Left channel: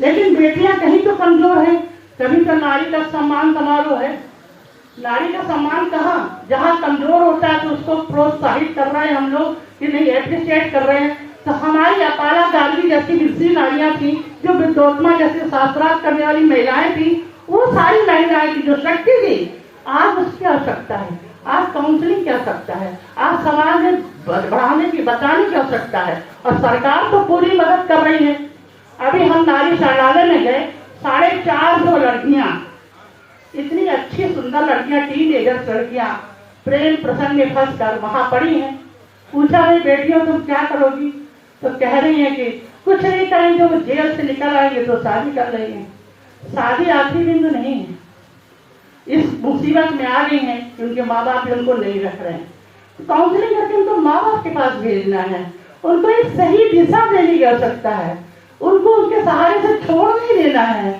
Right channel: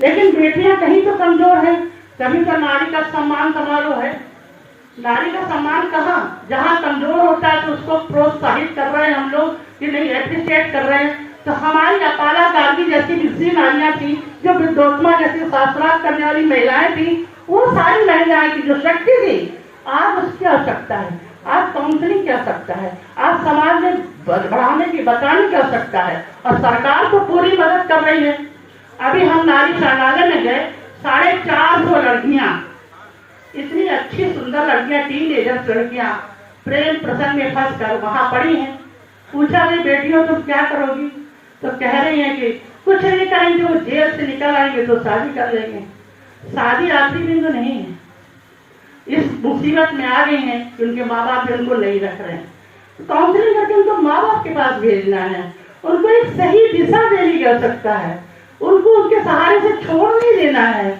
लेकिन बेटियां कहीं तो कमजोर है। कभी तो नारी का सम्मान समारोह है, नारी का सम्मान कहाँ? जहाँ कमजोर होता है तो उसको प्रोत्साहित कर रहे हैं हम लोग कि नहीं, एप्रिशिएट कर रहे हैं। तो हमारी अपाला गांधी जैसी विषी नारियां थी, जो विद्योत्मा जैसे शास्त्रार्थ करने वाली महिलाएं थी, वो सारी महिलाएं की जो शक्ति थी, आज उसकी आवश्यकता है। आज काउंसलिंग की आवश्यकता है, आज समाज में बढ़ाने की बताने की आवश्यकता है, और सरकार तो पूरी मदद कर रही है। अभी हम नारी शरणालय में गए, 450 लड़कियां, इतनी अच्छी सुंदर लड़कियां, टीनेजर्स लड़कियां प्रेम प्रसंग में फंस कर वहां पड़ी हैं। पूछा नहीं बेटियों तुम क्या करोगी? तो कह रही है कि कुछ नहीं करेंगे, वो जेल से निकल आएंगे तो शादी कर लेंगे। शादी आखिरी दिन तो नहीं है, इस मुसीबत में आ गई हैं कि उनके माँ बाप उनको नहीं रख रहे हैं। तो काउंसलिंग करके उनको माँ बाप के पास भेजना है, उनको एक सही दिशा देने की आवश्यकता है, उनको उनके सहारे से छोड़ नहीं देना है।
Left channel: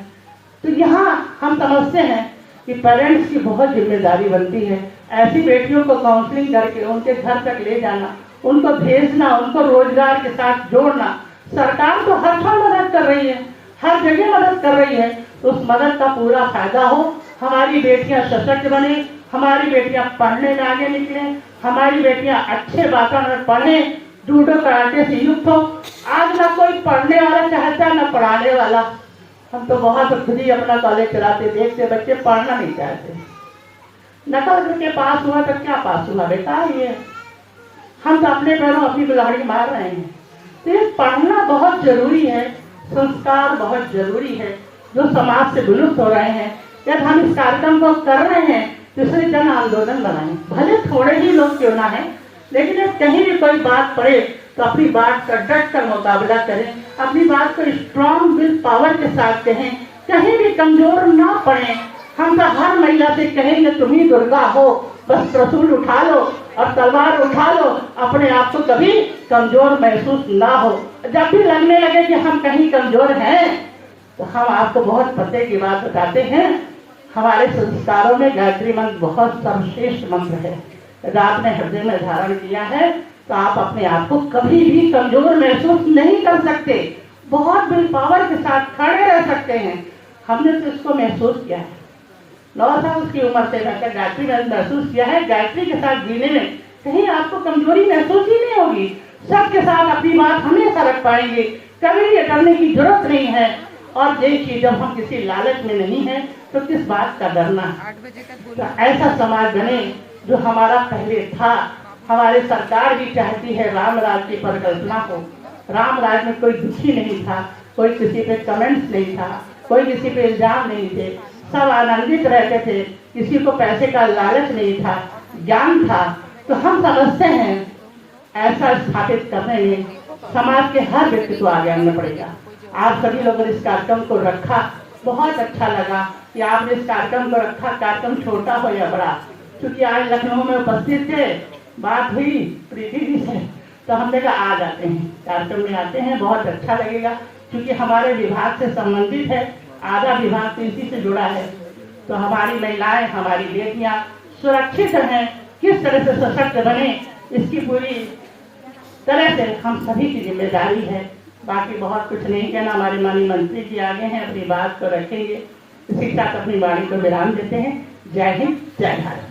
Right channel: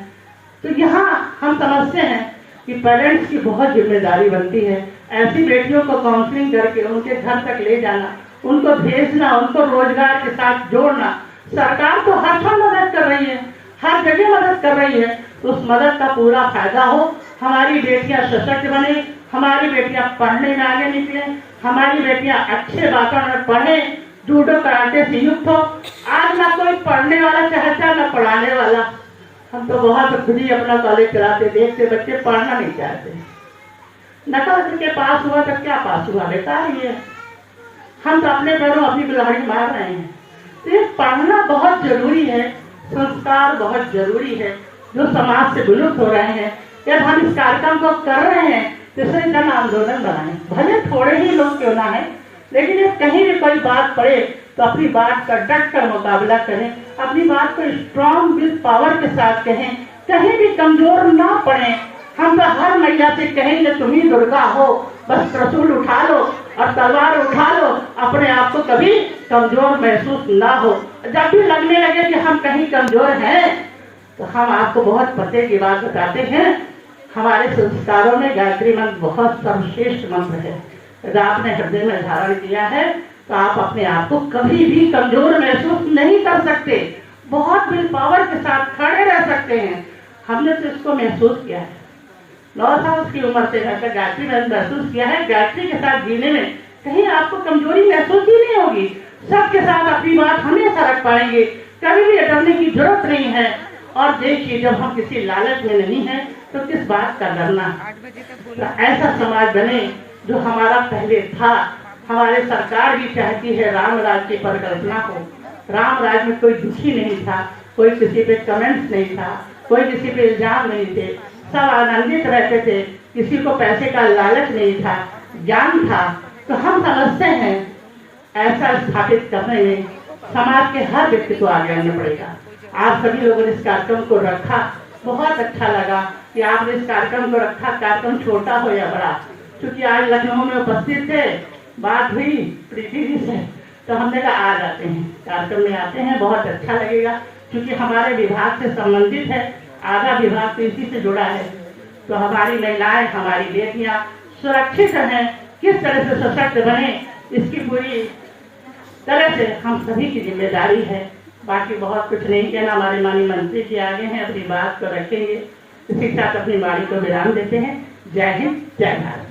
तो यहाँ हम समझते हैं कि पेरेंट्स की बहुत जिम्मेदारी बनती है ऐसी बेटियों को काउंसलिंग करके उनके घर तक ले जाना, उनको भेजना, उनको रोजगार के साथ जोड़ना। सरकार तो हर क्षण मदद कर रही है, हर जगह मदद कर रही है, तो उस मदद का पूरा फायदा हो, हमारी बेटियां सशक्त बने, हमारी बेटियां पढ़ने में आगे निकले, हमारी बेटियां अच्छे वातावरण में पढ़े, जूडो कराटे से युक्त हो। आज ना कोई पढ़ने वाला चाहता ना पढ़ाने वाला। हम तो बहुत खुद ही अपना कॉलेज चलाते देखते, बच्चे पढ़ना नहीं चाहते। नकल करके पास हुआ तो क्या पास हुआ बेटा, ये हम तो अपने पैरों अपनी कुल्हाड़ी मार रहे हैं। तो ये पढ़ना बहुत जरूरी है, संस्कार बहुत जरूरी है, जो समाज से विलुप्त हो रहे हैं। जब हम इस कार्यक्रम को कर रहे हैं तो इसे जन आंदोलन बनाएं, भले थोड़े ही लोग क्यों ना है, लेकिन जब कहीं भी कोई बात पड़े तो अपनी बात का डट कर मुकाबला करें, अपनी बात को स्ट्रॉन्ग विल पावर के साथ कहें, कहीं भी कमजोर ना पड़े। हम तो हर महिला से कहेंगे तुम ही दुर्गा हो, बस त्रिशूल उठा लो और तलवार उठा लो, अपने आप को कभी कमजोर महसूस ना हो। जब भी लगने लगे कि हम कहीं कमजोर हैं तो हम आपको बहुत पते की बात बताते हैं, हमारे संस्कारों में गायत्री मंत्र बहुत सर्वश्रेष्ठ मंत्र है। यदि आपने हृदय में धारण किया है तो आप अपने आप को कभी भी कमजोर महसूस नहीं कर सकते, बहुत विल पावर के साथ खड़े रह सकते हैं। हमने तो इसको महसूस किया है, 9 साल की उम्र से जब तक गायत्री मंत्र महसूस किया है। गायत्री के साथ जीने में कहीं आपको कमजोरी महसूस ही नहीं होगी, सबके साथ अपनी बात हमेशा रख पाएंगे, कभी भी डरने की जरूरत नहीं है। और देखिए जब हम किसी लालच में नहीं है तो किस बात का डरना। तो ऐसा समाज बने जो हमारा पहले था। हमारी सरकार भी चाहती है राम राज की परिकल्पना को। राम राज में कोई दुखी नहीं था, कोई किसी पे कमेंट्स नहीं था, कोई किसी पे इल्जाम नहीं थे, सब आनंदित रहते थे, किसी को पैसे का लालच नहीं था, ज्ञान था। तो हम समझते हैं ऐसा स्थापित करने में समाज के हर व्यक्ति को आगे आना पड़ेगा। आप सभी लोगों ने इस कार्यक्रम को रखा, बहुत अच्छा लगा कि आपने इस कार्यक्रम को रखा, कार्यक्रम छोटा हो या बड़ा। क्योंकि आज लखनऊ में उपस्थित थे, बात हुई प्रीति जी से, तो हमने कहा आ जाते हैं, कार्यक्रम में आते हैं, बहुत अच्छा लगेगा। क्योंकि हमारे विभाग से संबंधित है, आधा विभाग तो इसी से जुड़ा है। तो हमारी महिलाएं, हमारी बेटियां सुरक्षित हैं, किस तरह से सशक्त बने, इसकी पूरी तरह से हम सभी की जिम्मेदारी है। बाकी बहुत कुछ नहीं कहना, हमारे माननीय मंत्री जी आगे हैं, अपनी बात को रखेंगे। इसी के साथ अपनी वाणी को विराम देते हैं। जय हिंद, जय भारत।